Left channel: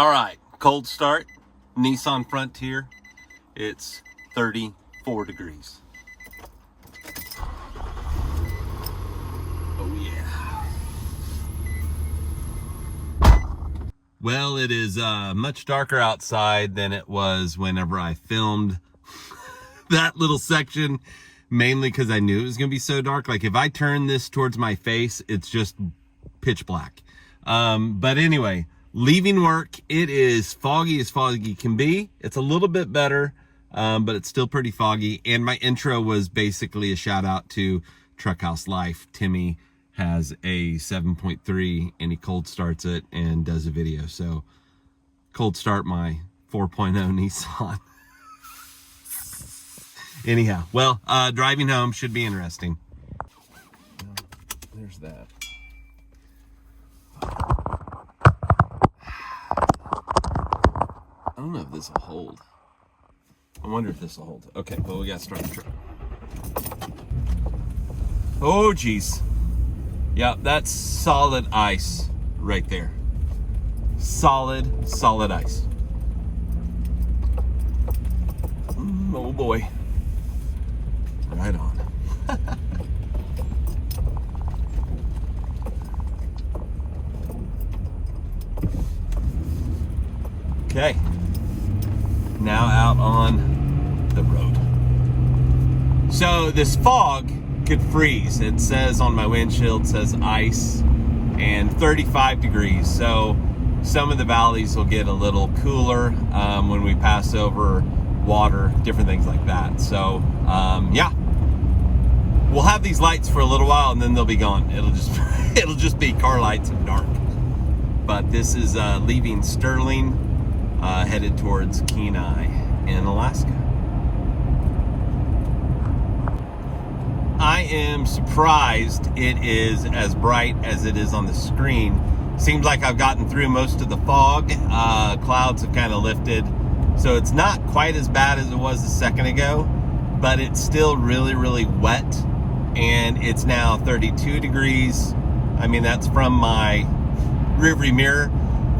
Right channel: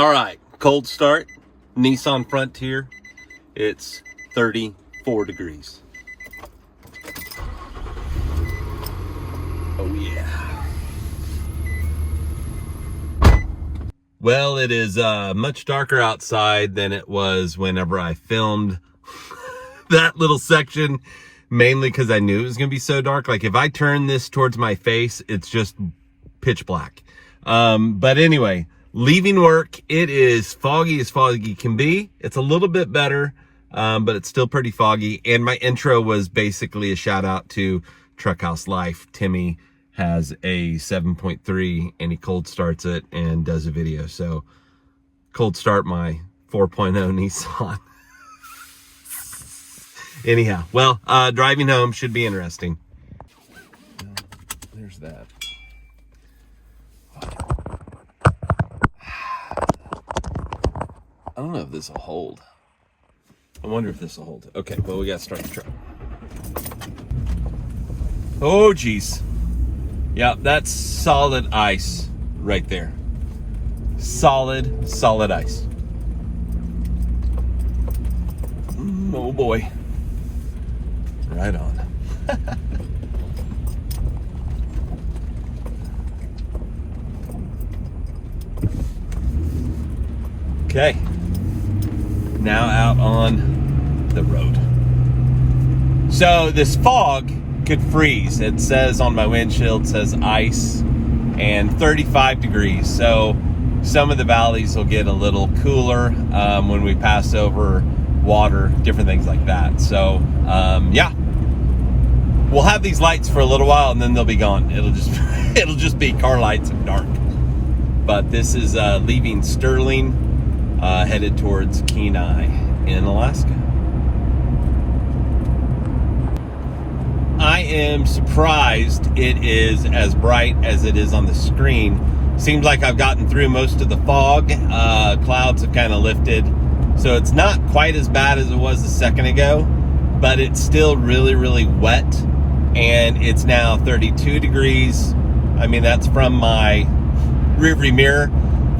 All right, cold start, Nissan Frontier. It's 34 degrees. Oh yeah. Well, it is much darker outside than it was whenever I filmed that little section, mainly because I knew it was gonna be so dark. Like if I turn this towards my face, it's just pitch black. But anyway, leaving work, it is foggy as foggy can be. It's a little bit better, but it's still pretty foggy. And my intro was basically a shout out to Truckhouse Life. Timmy has a 7.3 and he cold starts it and does a video. So cold start my 4.0 Nissan. Anyhow, well, driving home should be interesting. There's that. I don't know if this will hold. I wonder if this will hold. Okay, well, we gotta start the truck. Oh, geez. Yeah, that's solid ice right there. Solid ice. Oh boy. Right on. Okay. Now out on the road. So this fog could freeze. It says on my windshield, says ice and 35 degrees. So some of the valleys will get a little cooler when we pass over water, different things like that. So yeah, we'll have these lights for a little while and then they'll be gone. It'll just be car lights and dark. But this is leaving Sterling, headed towards Kenai in Alaska. I am surprised it is as bright as it is on the screen. Seems like I've gotten through most of the fog. Clouds have kind of lifted. So it's not quite as bad as it was a second ago, but it's still really, really wet. And it's now 32 degrees. I mean, that's from my rearview mirror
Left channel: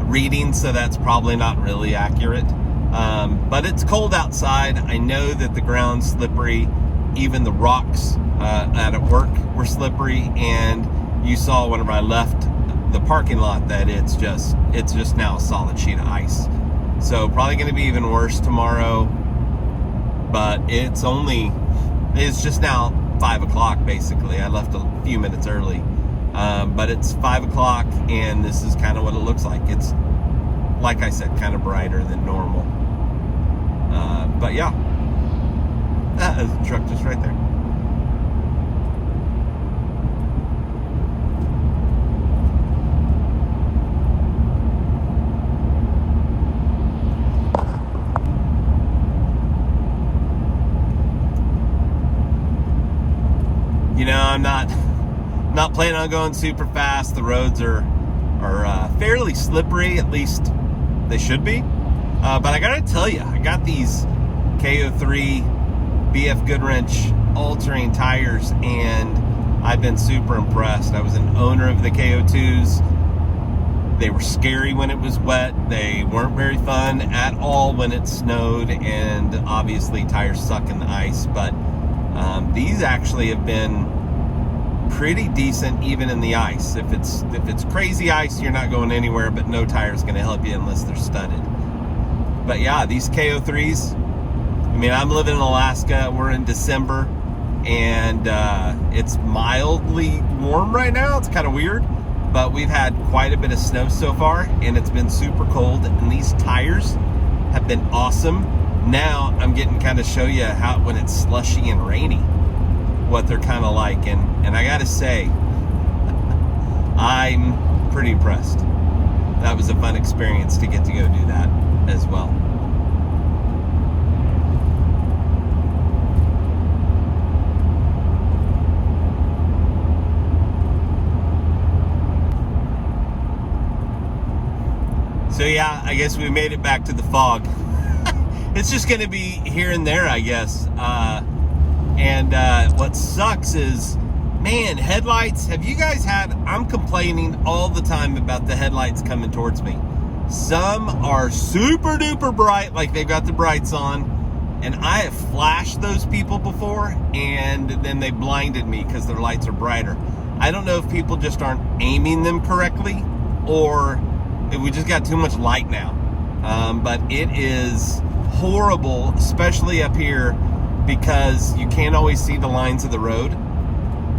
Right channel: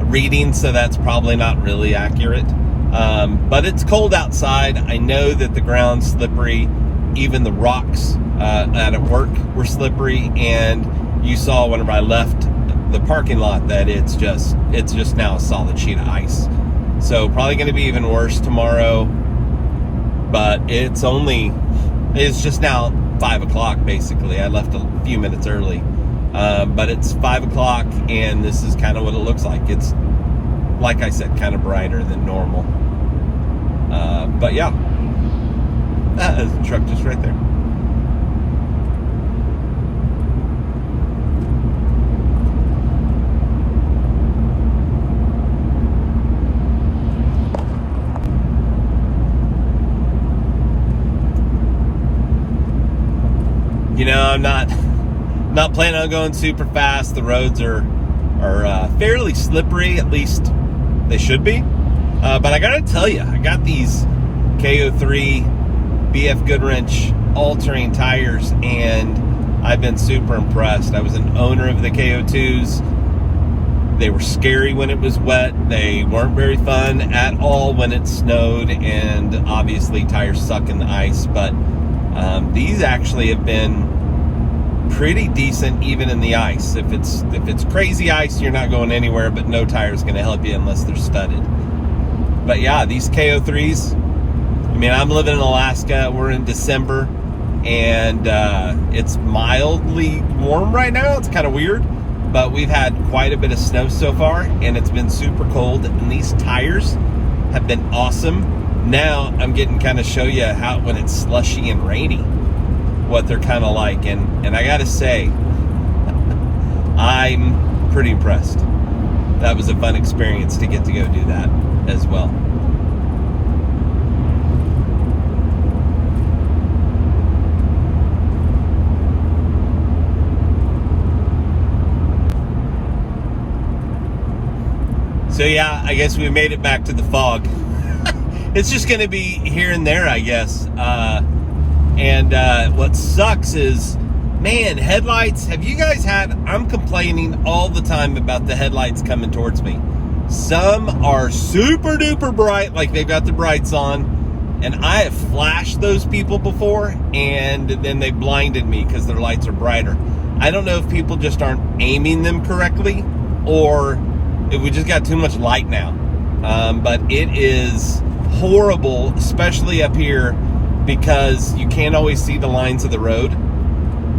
reading, so that's probably not really accurate. But it's cold outside. I know that the ground's slippery. Even the rocks at work were slippery, and you saw whenever I left the parking lot that it's just now a solid sheet of ice. So probably going to be even worse tomorrow, but it's just now 5 o'clock basically. I left a few minutes early, but it's 5 o'clock and this is kind of what it looks like. It's, like I said, kind of brighter than normal. But yeah, there's a truck just right there. You know, I'm not planning on going super fast. The roads are fairly slippery, at least they should be. But I gotta tell you, I got these KO3 BF Goodwrench all-terrain tires, and I've been super impressed. I was an owner of the KO2s. They were scary when it was wet. They weren't very fun at all when it snowed, and obviously tires suck in the ice. But these actually have been pretty decent even in the ice. If it's crazy ice, you're not going anywhere, but no tire is going to help you unless they're studded. But yeah, these KO3s, I mean, I'm living in Alaska. We're in December, and it's mildly warm right now. It's kind of weird, but we've had quite a bit of snow so far, and it's been super cold, and these tires have been awesome. Now I'm getting kind of show you how when it's slushy and rainy, what they're kind of like, and I gotta say, I'm pretty impressed. That was a fun experience to get to go do that as well. So yeah, I guess we made it back to the fog. It's just gonna be here and there, I guess. And what sucks is, man, headlights, have you guys had, I'm complaining all the time about the headlights coming towards me. Some are super duper bright, like they've got the brights on, and I have flashed those people before, and then they blinded me because their lights are brighter. I don't know if people just aren't aiming them correctly, or if we just got too much light now. But it is horrible, especially up here, because you can't always see the lines of the road.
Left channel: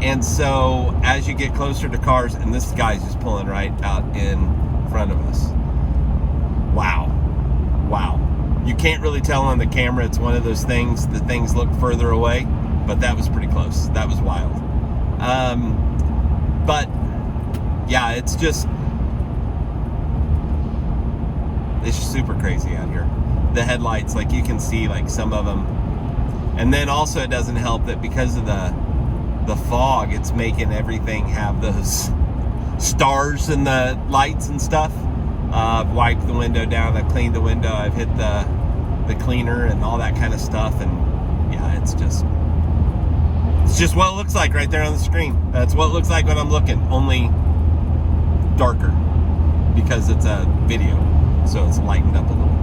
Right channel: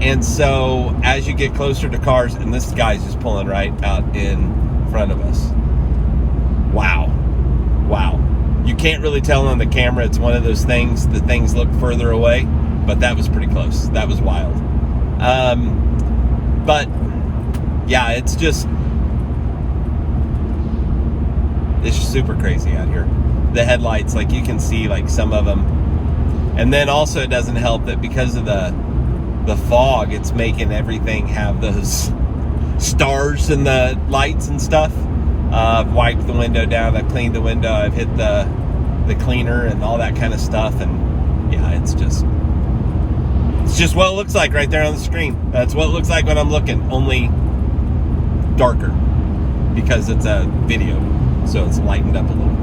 And so as you get closer to cars, and this guy's just pulling right out in front of us. Wow. You can't really tell on the camera. It's one of those things, the things look further away, but that was pretty close. That was wild. But yeah, it's just super crazy out here. The headlights, like you can see like some of them. And then also it doesn't help that because of the fog, it's making everything have those stars in the lights and stuff. I've wiped the window down, I've cleaned the window, I've hit the cleaner and all that kind of stuff, and yeah, it's just what it looks like right there on the screen. That's what it looks like when I'm looking, only darker, because it's a video, so it's lightened up a little.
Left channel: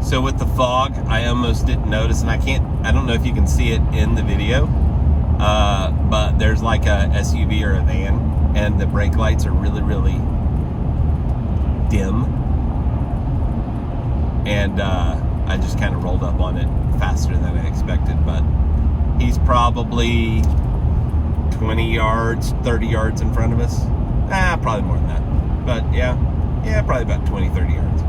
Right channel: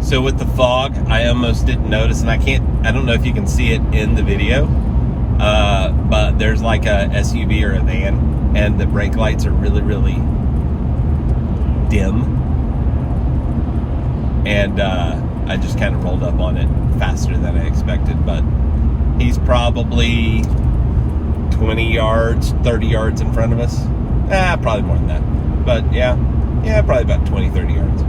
So with the fog, I almost didn't notice, and I don't know if you can see it in the video, but there's like a SUV or a van, and the brake lights are really, really dim. And I just kind of rolled up on it faster than I expected, but he's probably 20 yards, 30 yards in front of us. Probably more than that, but yeah, probably about 20, 30 yards.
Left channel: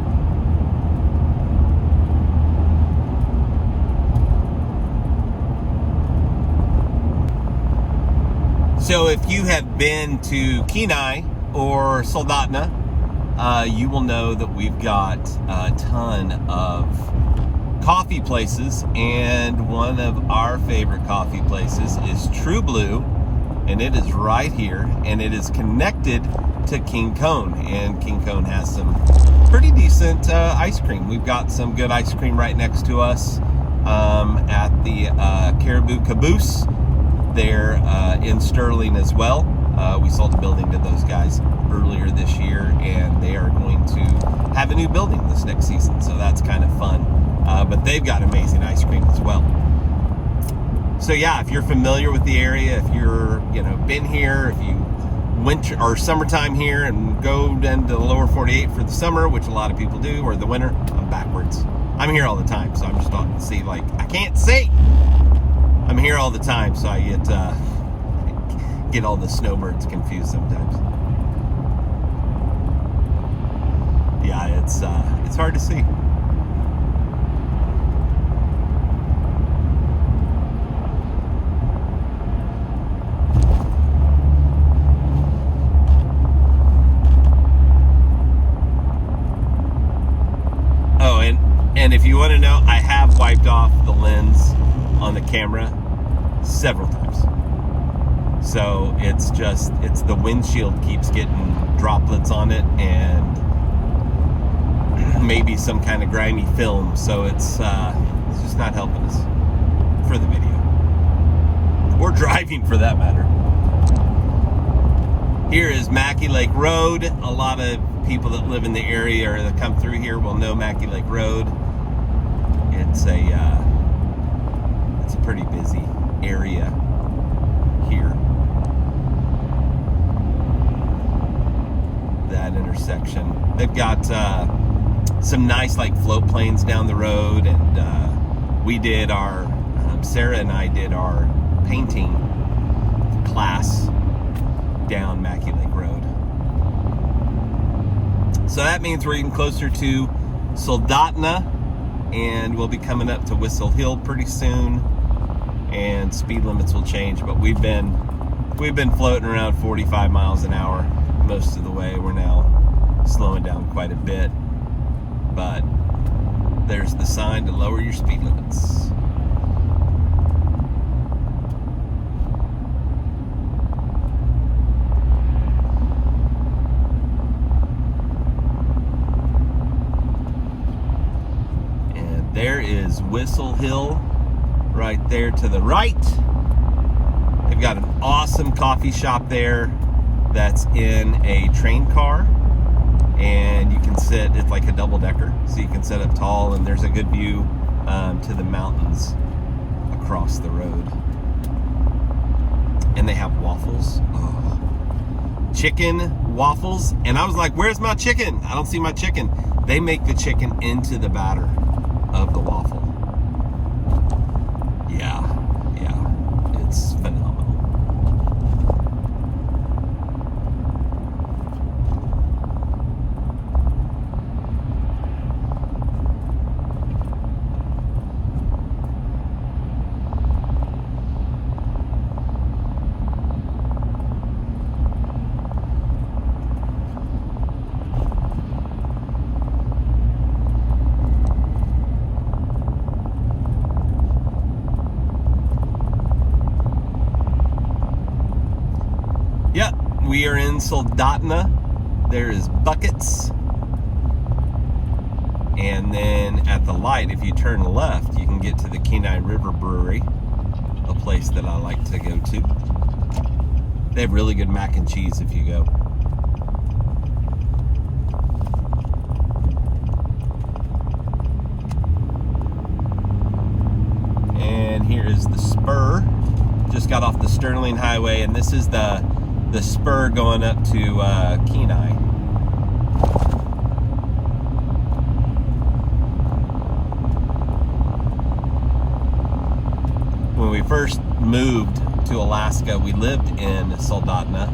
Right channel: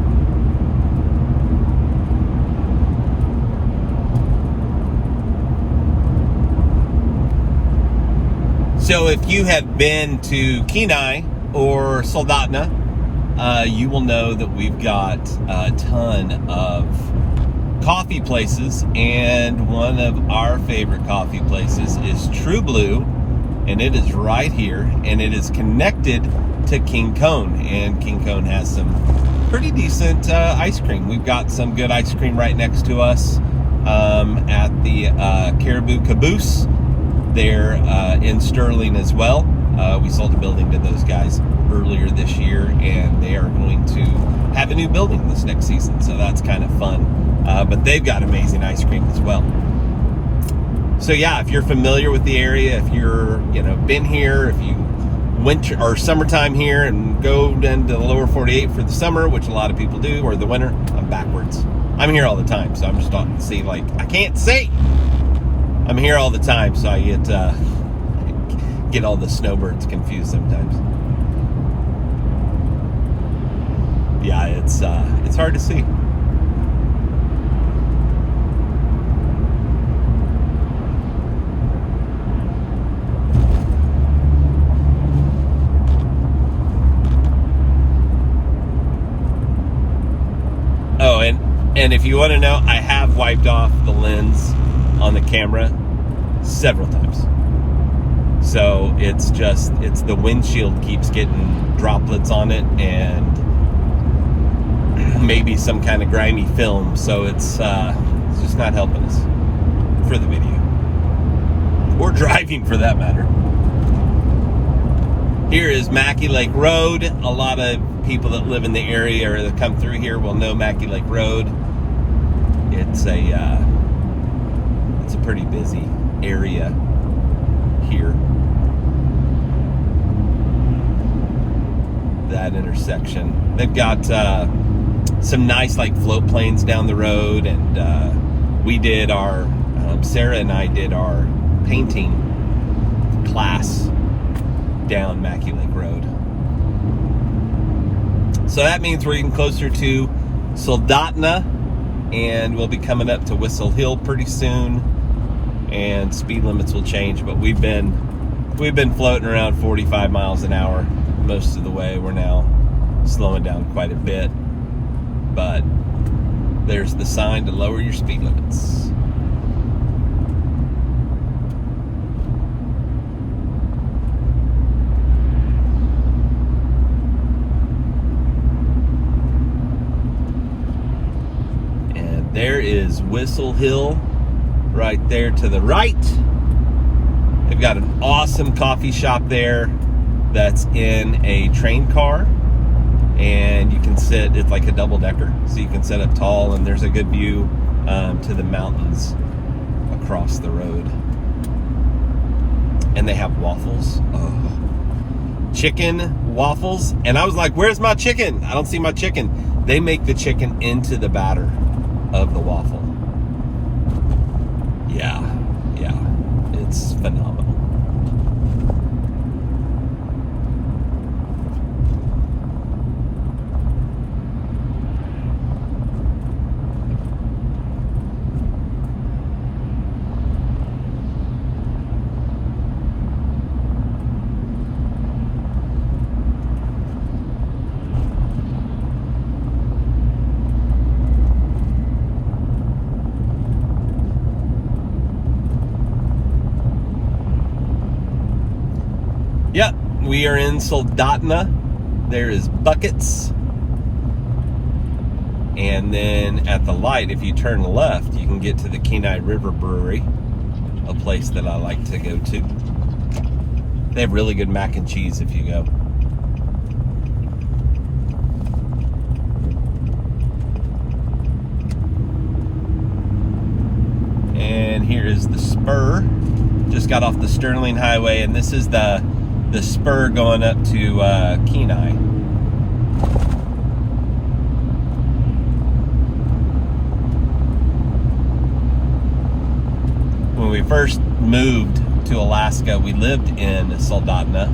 So if you have been to Kenai or Soldotna, you will know that we've got a ton of coffee places, and one of our favorite coffee places is True Blue, and it is right here, and it is connected to King Cone, and King Cone has some pretty decent ice cream. We've got some good ice cream right next to us at the Caribou Caboose. They're in Sterling as well. We sold a building to those guys earlier this year, and they are going to have a new building this next season, so that's kind of fun. But they've got amazing ice cream as well. So yeah, if you're familiar with the area, if you're been here, if you winter or summertime here and go into the lower 48 for the summer, which a lot of people do, or the winter, I'm backwards. I'm here all the time, so I'm just starting to see, like, I can't see. I'm here all the time, so I get all the snowbirds confused sometimes. Yeah, it's hard to see. Oh, and if you want to know, I have wiped off the lens on the camera several times. So it's the windshield keeps getting droplets on it, and maybe some kind of grimy film. So it's just not helping us for the video, or driving for that matter. Here is Mackey Lake Road. A lot of people that live in the area or that come through here will know Mackey Lake Road. It's a pretty busy area here. That intersection. They've got some nice like float planes down the road, and we did our Sarah and I did our painting class down Mackey Lake Road. So that means we're getting closer to Soldotna, and we'll be coming up to Whistle Hill pretty soon, and speed limits will change, but we've been floating around 45 miles an hour most of the way. We're now slowing down quite a bit, but there's the sign to lower your speed limits. is Whistle Hill right there to the right. They've got an awesome coffee shop there that's in a train car, and you can sit, it's like a double decker, so you can sit up tall, and there's a good view to the mountains across the road. And they have waffles. Oh. Chicken waffles. And I was like, where's my chicken? I don't see my chicken. They make the chicken into the batter of the waffle. Yeah, it's phenomenal. Yep, we are in Soldotna. There is Buckets. And then at the light, if you turn left, you can get to the Kenai River Brewery, a place that I like to go to. They have really good mac and cheese if you go. And here is the spur. Just got off the Sterling Highway, and this is the spur going up to Kenai. When we first moved to Alaska, we lived in Soldotna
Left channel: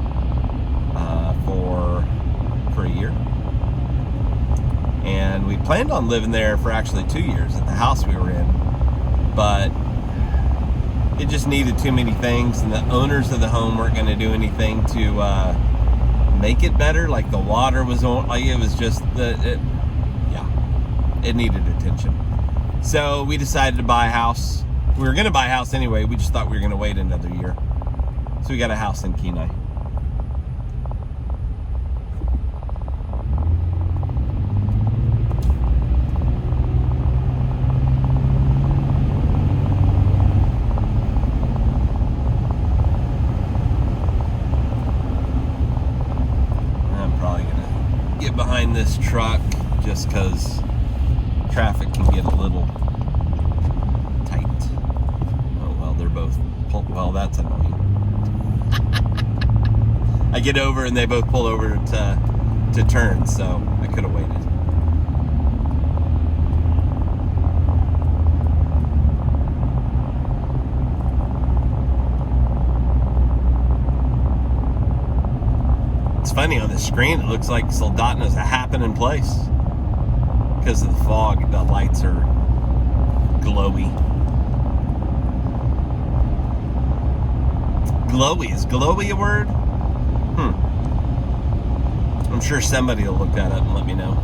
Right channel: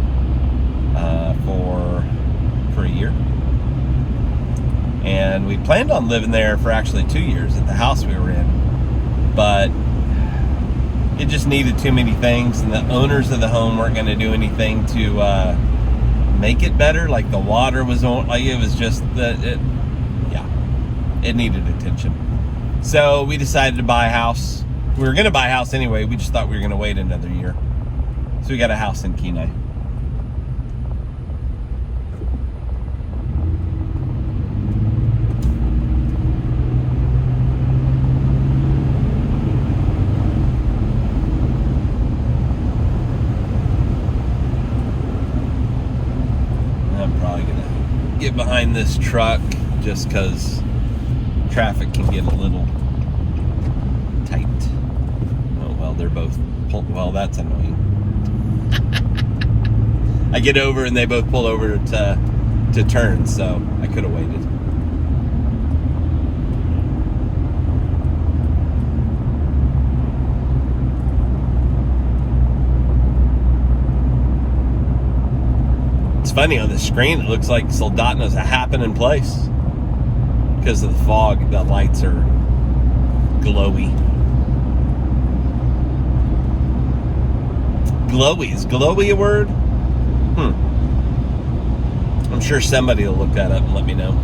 for a year. And we planned on living there for actually 2 years at the house we were in. But it just needed too many things, and the owners of the home weren't going to do anything to make it better. Like the water was on, like it was just it needed attention. So we decided to buy a house. We were going to buy a house anyway. We just thought we were going to wait another year. So we got a house in Kenai. Get behind this truck just because traffic can get a little tight. Oh, well, they're both pulled. Well, that's annoying. I get over and they both pull over to turn, so I could have waited. It's funny, on the screen it looks like Soldotna's a happening place because of the fog. The lights are glowy. Glowy, is glowy a word? I'm sure somebody will look that up and let me know.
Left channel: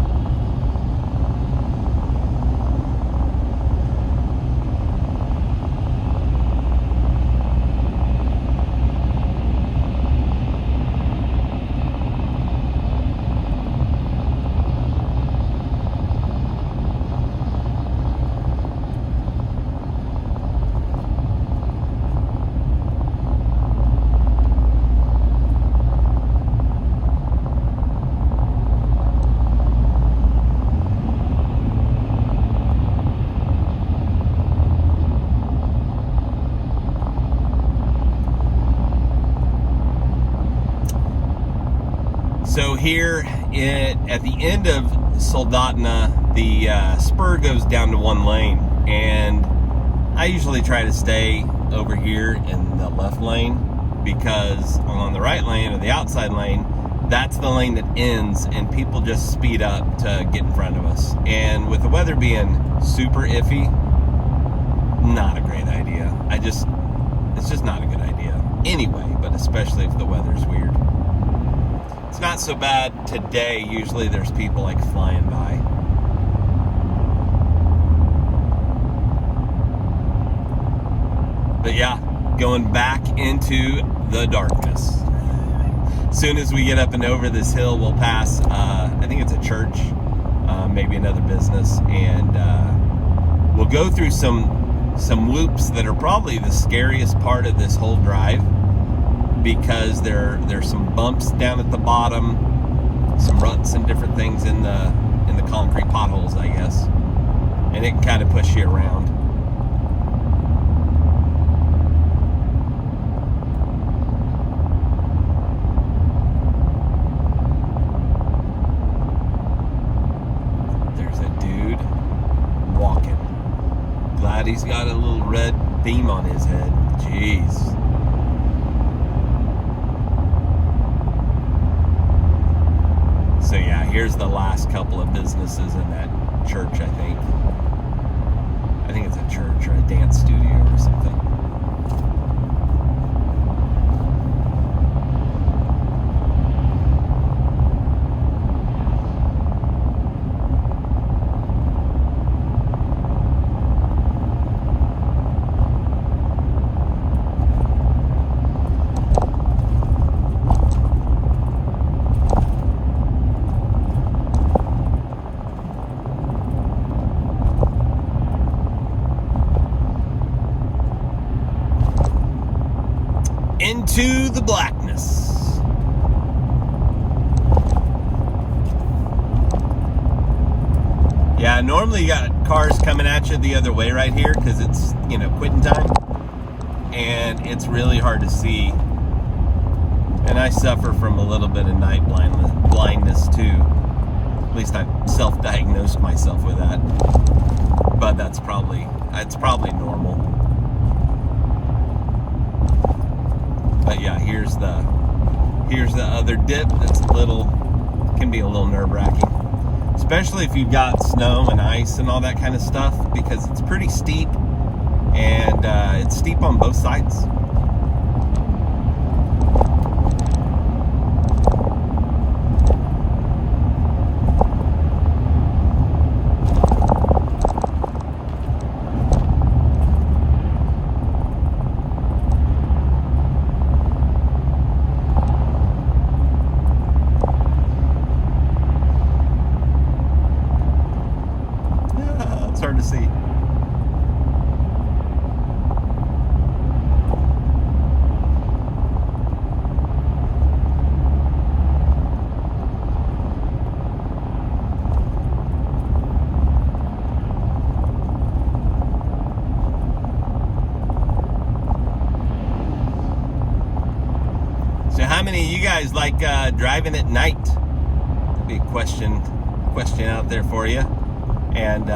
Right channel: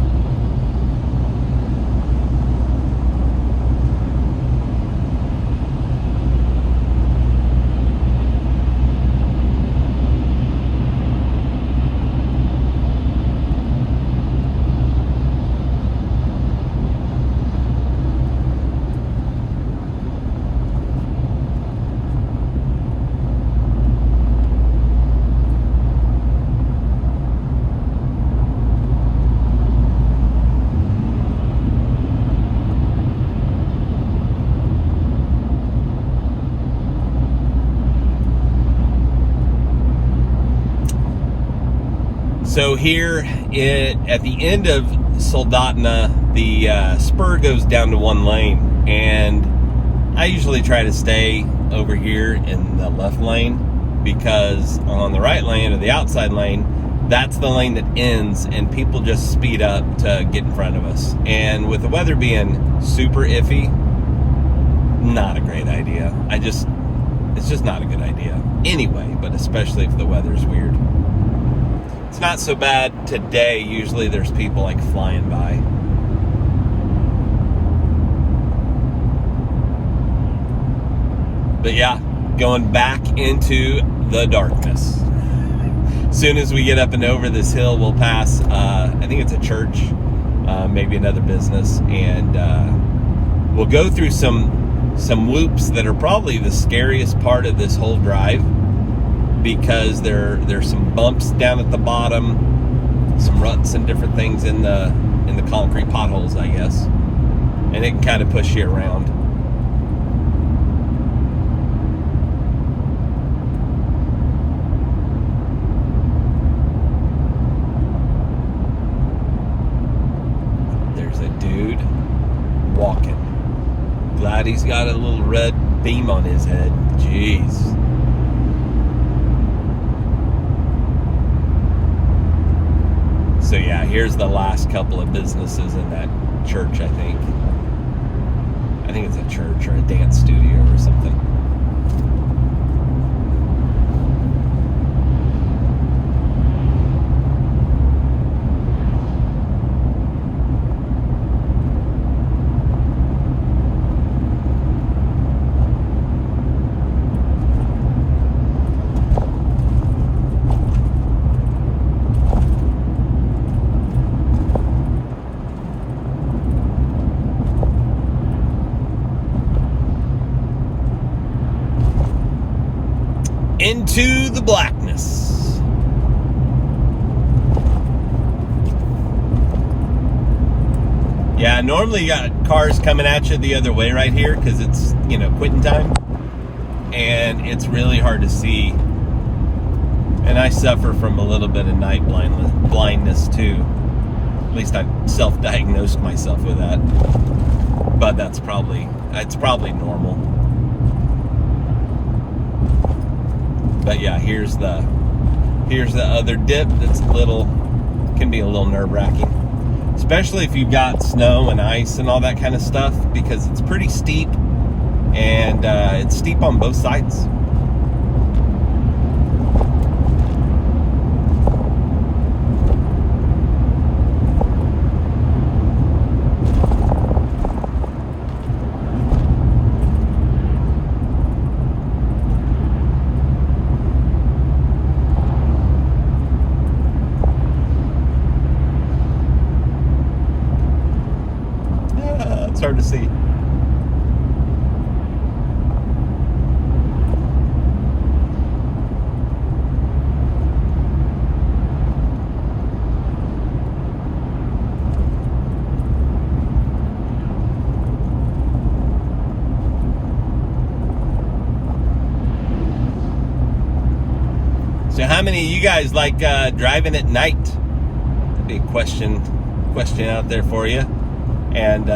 So here at the end of Soldotna, the spur goes down to one lane, and I usually try to stay over here in the left lane because on the right lane or the outside lane, that's the lane that ends and people just speed up to get in front of us. And with the weather being super iffy, not a great idea. It's just not a good idea anyway, but especially if the weather's weird. It's not so bad today. Usually there's people like flying by. But yeah, going back into the darkness. As soon as we get up and over this hill, we'll pass, I think it's a church, maybe another business, and we'll go through some loops that are probably the scariest part of this whole drive, because there's some bumps down at the bottom, some ruts and different things in the concrete potholes, I guess, and it can kind of push you around. There's a dude walking. Glad he's got a little red beam on his head. Jeez. So yeah, here's the last couple of businesses in that church, I think. I think it's a church or a dance studio or something. Into the blackness. Yeah, normally you got cars coming at you the other way right here because it's, quitting time. And it's really hard to see. And I suffer from a little bit of night blindness too. At least I self-diagnosed myself with that. But it's probably normal. But yeah, here's the other dip that's can be a little nerve-wracking, especially if you've got snow and ice and all that kind of stuff, because it's pretty steep, and it's steep on both sides. It's hard to see. So how many of you guys like driving at night? Be a question out there for you. And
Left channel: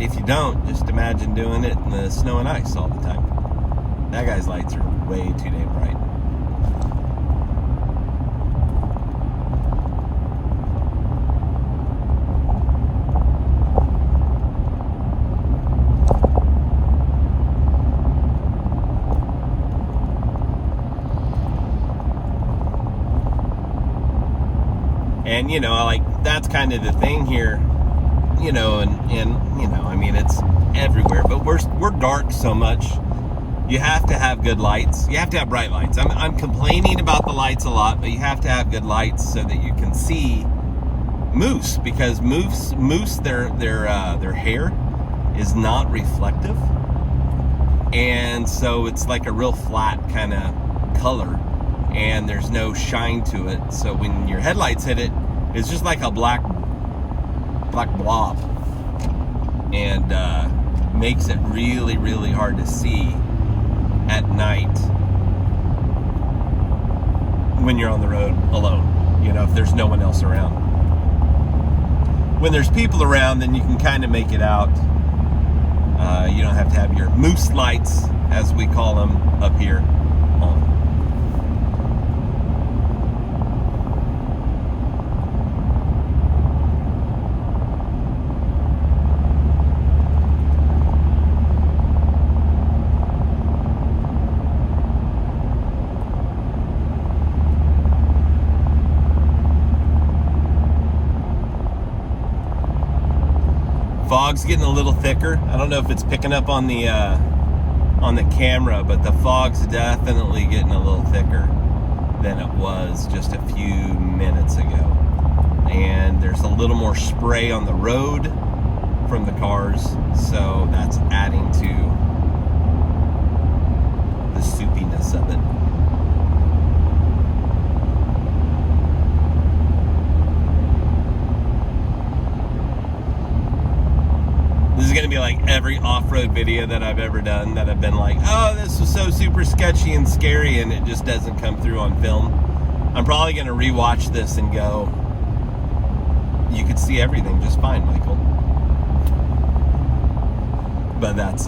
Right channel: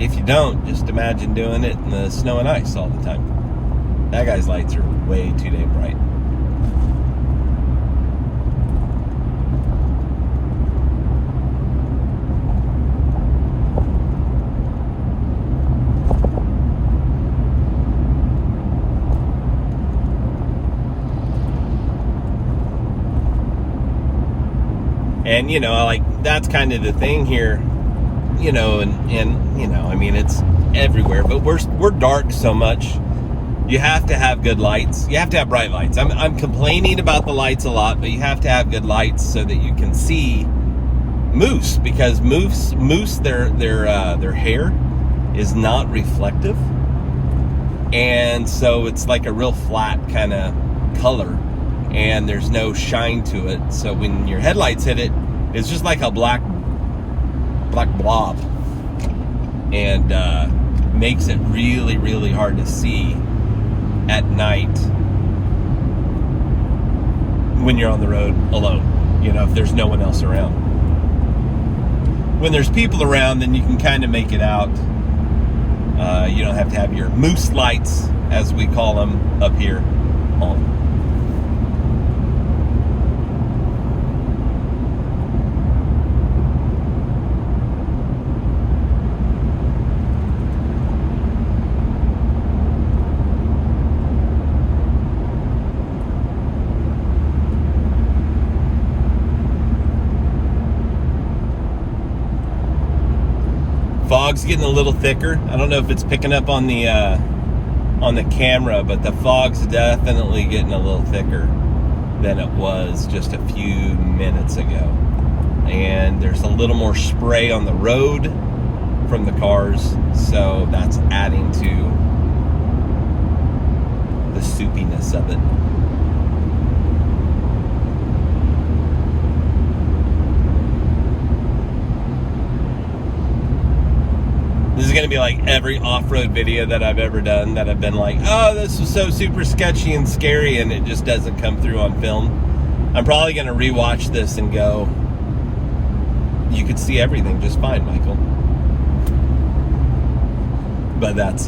if you don't, just imagine doing it in the snow and ice all the time. That guy's lights are way too damn bright. And that's kind of the thing here. It's everywhere, but we're dark so much. You have to have good lights. You have to have bright lights. I'm complaining about the lights a lot, but you have to have good lights so that you can see moose, because moose their hair is not reflective, and so it's like a real flat kind of color, and there's no shine to it. So when your headlights hit it, it's just like a black blob, and makes it really, really hard to see at night when you're on the road alone, if there's no one else around. When there's people around, then you can kind of make it out. You don't have to have your moose lights, as we call them up here, on. Fog's getting a little thicker. I don't know if it's picking up on the camera, but the fog's definitely getting a little thicker than it was just a few minutes ago. And there's a little more spray on the road from the cars, so that's adding to the soupiness of it. This is going to be like every off-road video that I've ever done that I've been like, oh, this was so super sketchy and scary, and it just doesn't come through on film. I'm probably going to rewatch this and go, you could see everything just fine, Michael. But that's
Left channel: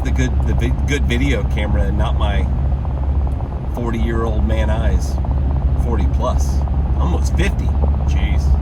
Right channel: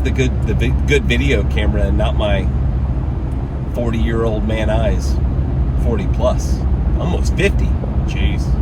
the good video camera, and not my 40-year-old man eyes. 40 plus, almost 50. Jeez.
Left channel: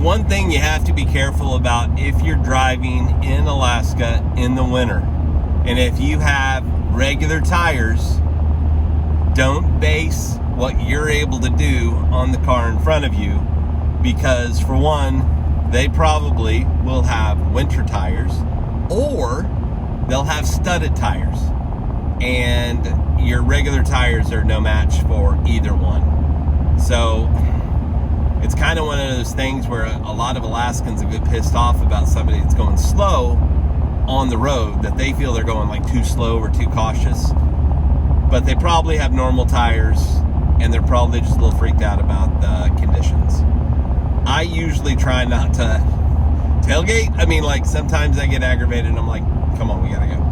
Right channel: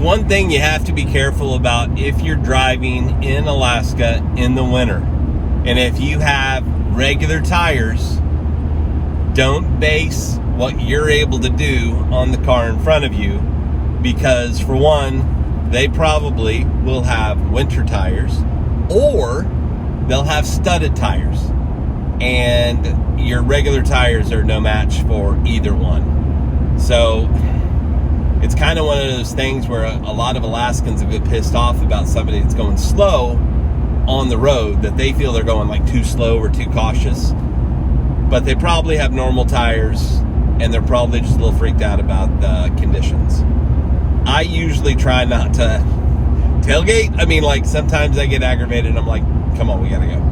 One thing you have to be careful about if you're driving in Alaska in the winter, and if you have regular tires, don't base what you're able to do on the car in front of you, because for one, they probably will have winter tires, or they'll have studded tires, and your regular tires are no match for either one. So it's kind of one of those things where a lot of Alaskans will get pissed off about somebody that's going slow on the road, that they feel they're going like too slow or too cautious, but they probably have normal tires and they're probably just a little freaked out about the conditions. I usually try not to tailgate. I mean, like, sometimes I get aggravated and I'm like, come on, we gotta go.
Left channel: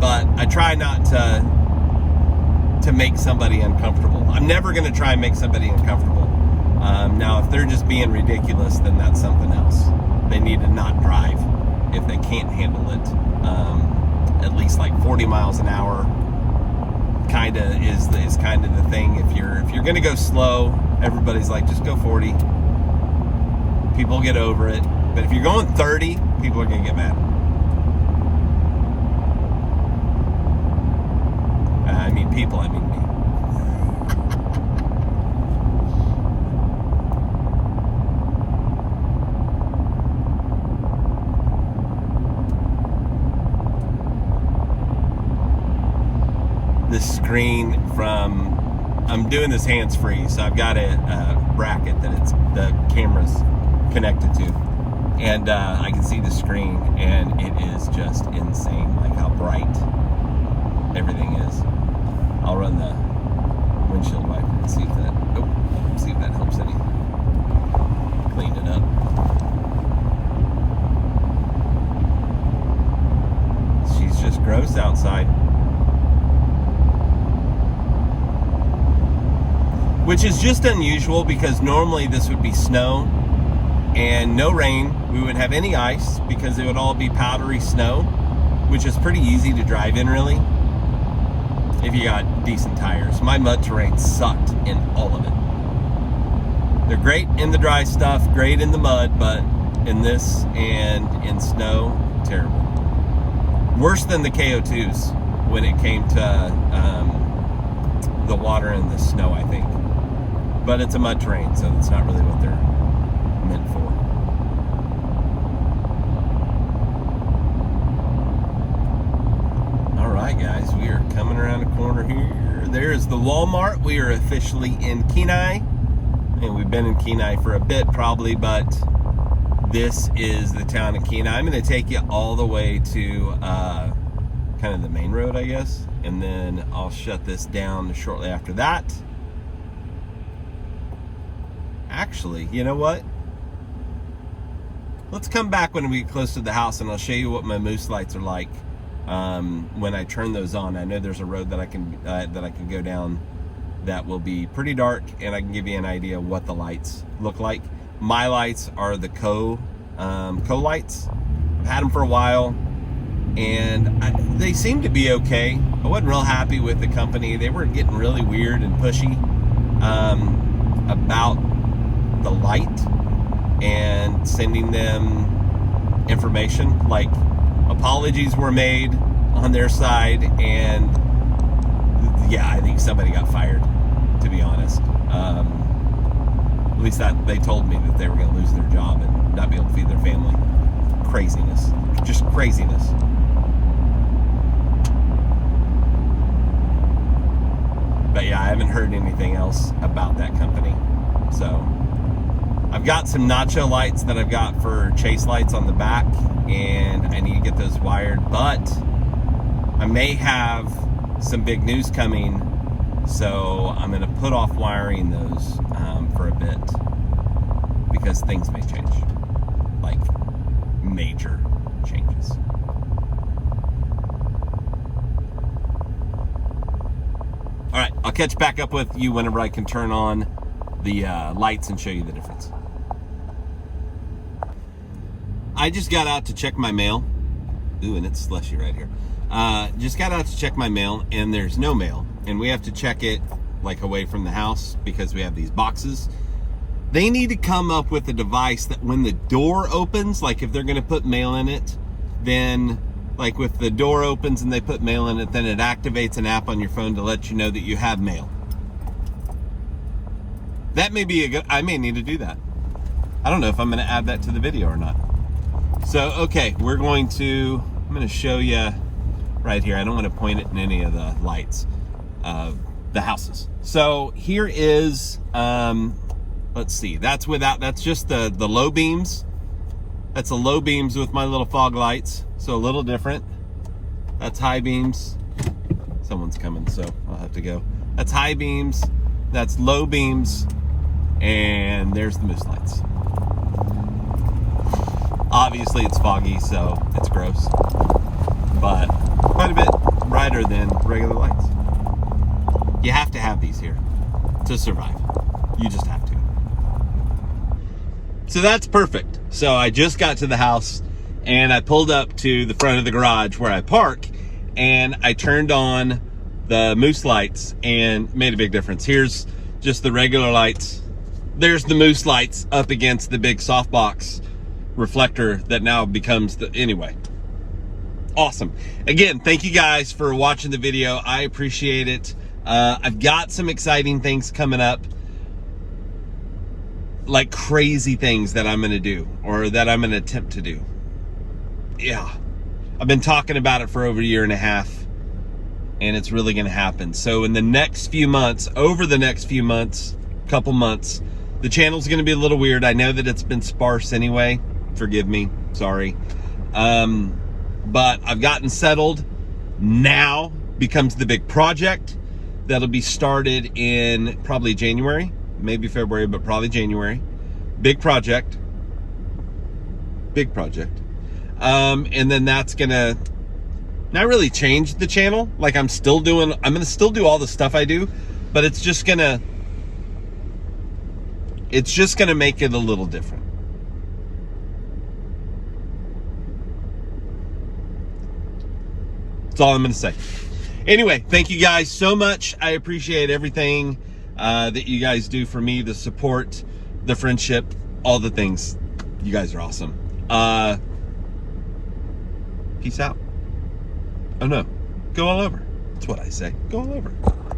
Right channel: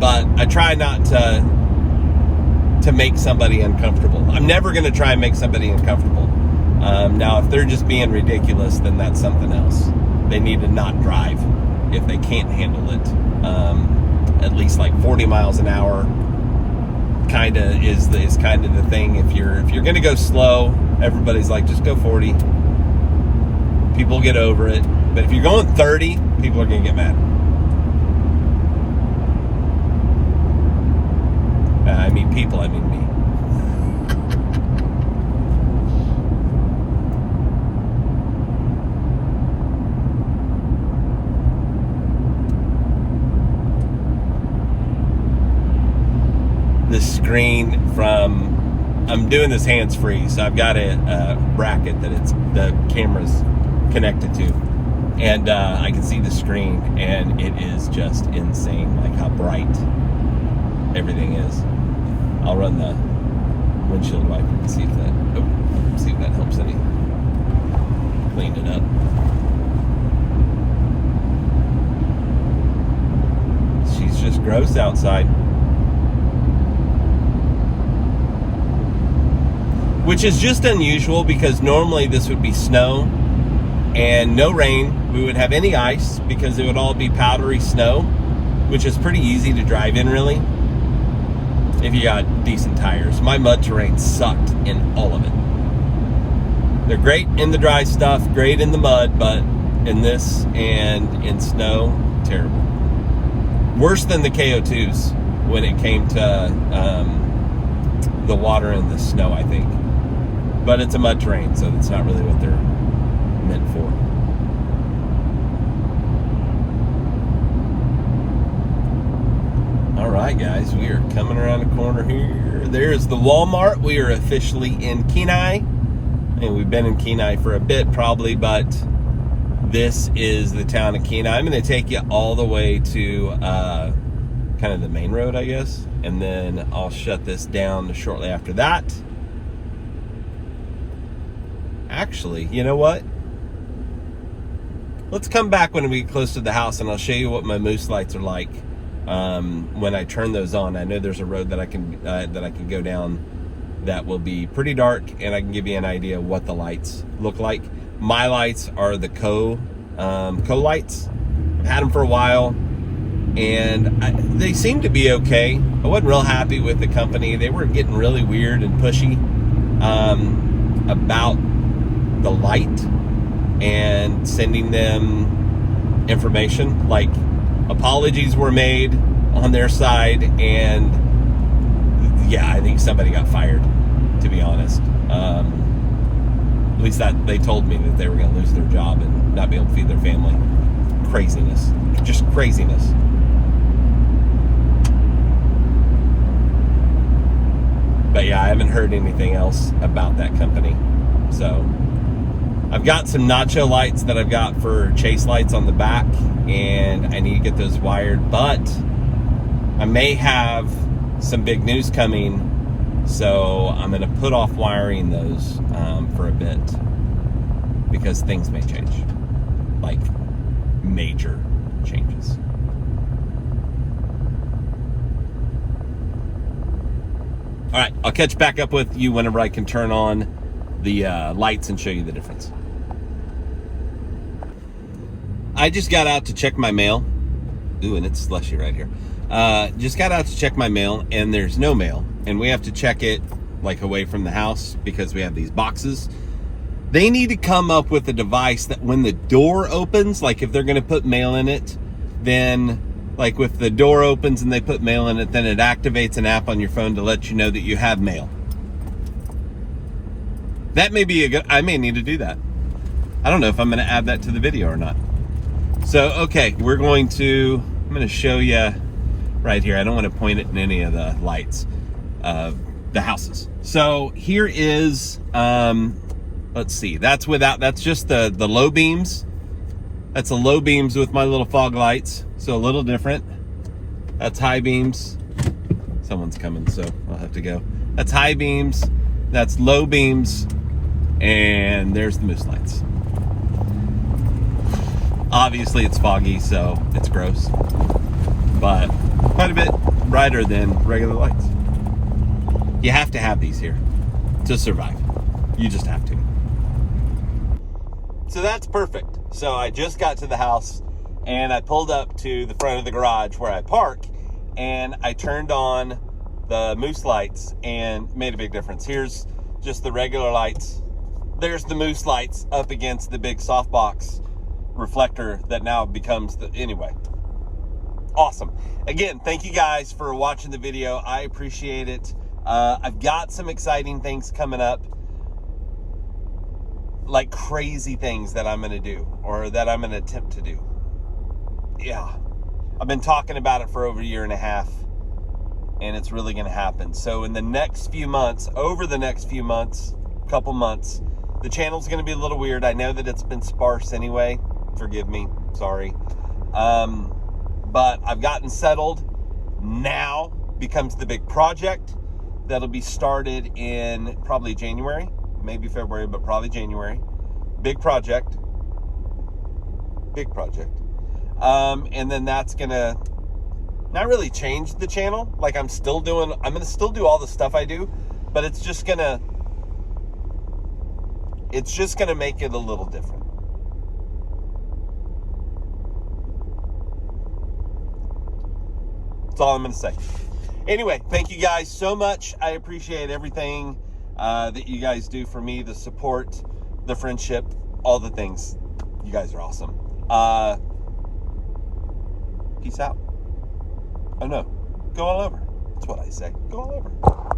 But I try not to make somebody uncomfortable. I'm never gonna try and make somebody uncomfortable. Now, if they're just being ridiculous, then that's something else. They need to not drive if they can't handle it. At least like 40 miles an hour kind of is kind of the thing. If you're gonna go slow, everybody's like, just go 40. People get over it. But if you're going 30, people are gonna get mad. I mean people, I mean me. The screen from, I'm doing this hands-free, so I've got a bracket that the camera's connected to, and I can see the screen, and it is just insane, like how bright everything is. I'll run the windshield wiper and see if that helps any. Cleaned it up. She's just gross outside. Which is just unusual, because normally this would be snow and no rain. We would have any ice because it would all be powdery snow, which is pretty easy to drive in, really, if you got decent tires. My mud terrain sucked in all of it. They're great in the dry stuff, great in the mud, but in this and in snow, terrible. Worse than the KO2s when it came to the water and the snow, I think. But it's a mud terrain, so it's not really what they're meant for. All right, guys, we are coming around the corner here. There's the Walmart. We are officially in Kenai, and we've been in Kenai for a bit probably, but this is the town of Kenai. I'm going to take you all the way to kind of the main road, I guess, and then I'll shut this down shortly after that. Actually, you know what? let's come back when we get close to the house, and I'll show you what my moose lights are like when I turn those on. I know there's a road that I can go down that will be pretty dark, and I can give you an idea of what the lights look like. My lights are the Co lights. I've had them for a while, and they seem to be okay. I wasn't real happy with the company. They were getting really weird and pushy about the light and sending them information. Like, apologies were made on their side, and yeah, I think somebody got fired, to be honest. At least that they told me that they were going to lose their job and not be able to feed their family. Craziness. Just craziness. But yeah, I haven't heard anything else about that company. So I've got some Nacho lights that I've got for chase lights on the back, and I need to get those wired, but I may have some big news coming, so I'm going to put off wiring those for a bit, because things may change, like major changes. All right, I'll catch back up with you whenever I can turn on the lights and show you the difference. I just got out to check my mail. Ooh, and it's slushy right here. Just got out to check my mail, and there's no mail, and we have to check it like away from the house because we have these boxes. They need to come up with a device that when the door opens, like if they're going to put mail in it, then like if the door opens and they put mail in it, then it activates an app on your phone to let you know that you have mail. That may be a good, I may need to do that. I don't know if I'm going to add that to the video or not. So, okay, I'm going to show you right here. I don't want to point it in any of the lights, the houses. So here is, let's see, that's just the low beams. That's the low beams with my little fog lights. So a little different. That's high beams. Someone's coming, so I'll have to go. That's high beams. That's low beams. And there's the moose lights. Obviously it's foggy, so it's gross, but quite a bit brighter than regular lights. You have to have these here to survive. You just have to. So that's perfect. So I just got to the house, and I pulled up to the front of the garage where I park, and I turned on the moose lights and made a big difference. Here's just the regular lights. There's the moose lights up against the big softbox reflector that now becomes the, anyway, awesome. Again, thank you guys for watching the video. I appreciate it. I've got some exciting things coming up, like crazy things that I'm gonna do, or that I'm gonna attempt to do. Yeah, I've been talking about it for over a year and a half, and it's really gonna happen. So in the next few months, couple months, the channel's gonna be a little weird. I know that it's been sparse anyway. Forgive me, sorry. But I've gotten settled. Now becomes the big project that'll be started in probably January, maybe February, but probably January. Big project. And then that's gonna not really change the channel. Like I'm gonna still do all the stuff I do, but it's just gonna make it a little different. That's all I'm gonna say. Anyway, thank you guys so much. I appreciate everything that you guys do for me, the support, the friendship, all the things. You guys are awesome. Peace out. Oh no, go all over. That's what I say. Go all over.